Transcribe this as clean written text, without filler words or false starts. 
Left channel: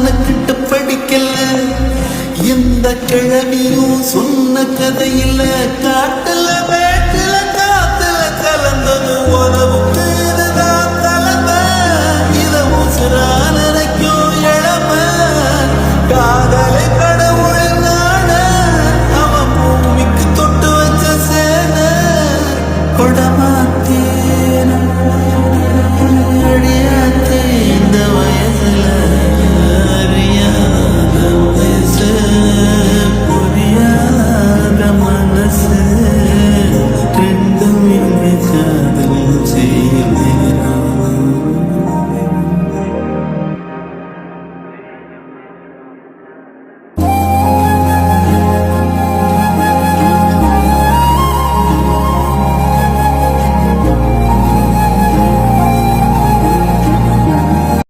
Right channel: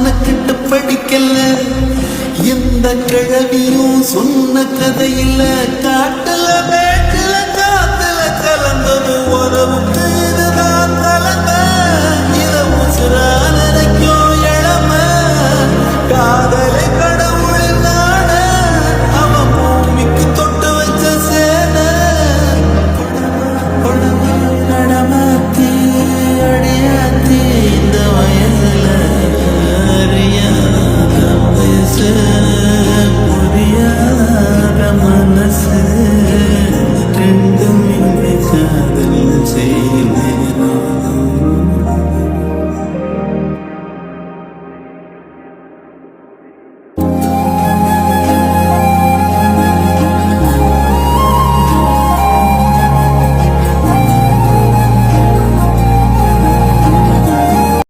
மெனக்கிட்டு படிக்கல. எந்த கிழவியும் சொன்ன கதையில காட்டுல வேட்டுல காத்துல கலந்தது உறவுக்கு